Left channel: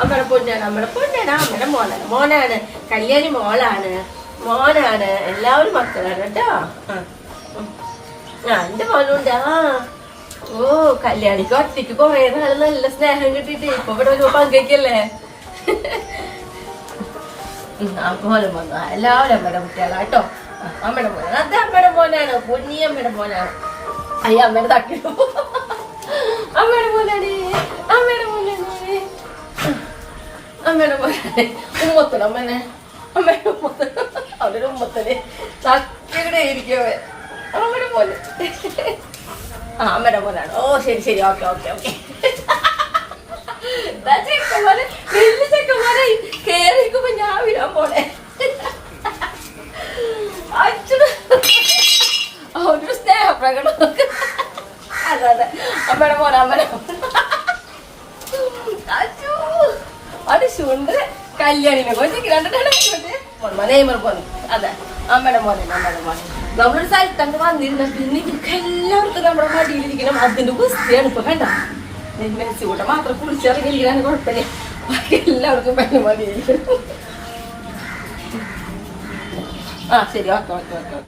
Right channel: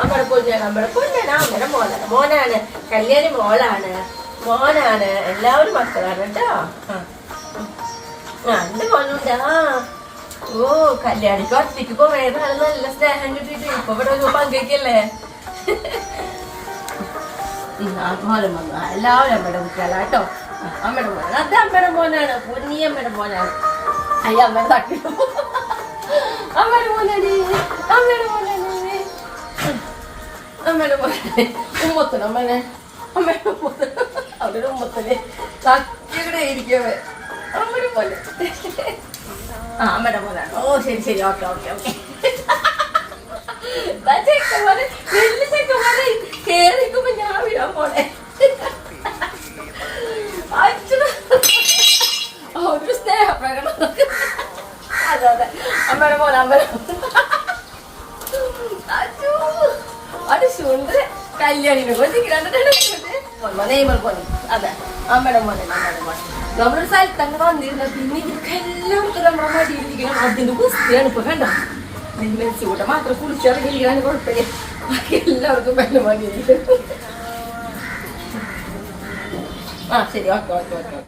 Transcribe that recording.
അമ്മയുടെ പൊന്നാണ്, അമ്മയുടെ പൊന്നാണ്, അമ്മയുടെ മോനാണ്, മോനാണ്. കല്യാണി മോളാണ്, മോനാണ്. എല്ലാവരും മക്കളാണ് കേട്ടോ. എന്റെ മോനുണ്ട്. ഓ കല്യാണിക്ക് ഒറ്റയ്ക്ക് കൊറേ നാള് നല്ല സ്നേഹം കിട്ടിട്ട് ഇപ്പൊ ഇവിടെ ഒരു പങ്കയ്ക്കല്ലേ. മോനും വന്നു. എല്ലാവരും അമ്മയുടെ കുട്ടികളാ കേട്ടോ. അമ്മയുടെ മോനാണ്, അത് അമ്മയുടെ മോനാണ്, പൊന്നി അമ്മയുടെ മോനാണ്. അയ്യ അമ്മയുടെ തട്ടി അമ്മയുടെ മോനാണ്, അമ്മയുടെ മോനാണ്, അമ്മയുടെ മോനാണ്. ഉമ്മത്തണം അമ്മനെ, അമ്മയുടെ ഉമ്മത്തണം, അവരുടെ ഉമ്മത്തല് തട്ടിയുടെ ഇരിക്കവേ. അമ്മയുടെ മോന്, അമ്മയുടെ മോനാണ്. ഓ ശരി ശരി, ഓക്കെ ഓക്കെ ഓക്കെ. ചെക്കന്മാരെ വലിയ ചെക്കന്മാരെ കേറിക്കുമ്പോ ഞാൻ വിടാൻ പോണേ. ഒരു സ്നേഹപ്രകടനം. അതെ അതെ, അമ്മയുടെ മോന, അമ്മയുടെ അത് സുന്ദര കല്യാണിനെ നെയ്മർ പോലും. അതെ അമ്മയുടെ മോനെ, അമ്മയുടെ മോനെ. നമ്മളൊരു സ്ഥലത്തണ്ട് വന്നിരുന്ന പിന്നെ ഇവർക്ക് എല്ലാവർക്കും നമ്മുടെ മടിയിലിരിക്കണം. അതിന്റെ കുസ്തിയാണ് ഇപ്പൊ കണ്ട. മെസ്സിക്കൂട്ടം മാത്രം കുളിച്ചിറങ്ങിയിരിക്കാൻ കുഴപ്പമില്ല, ബാക്കി എല്ലാവർക്കും പെണ്ണു മടിയിരിക്കണം. ശരി, ഓക്കെ ഓക്കെ ഓക്കെ.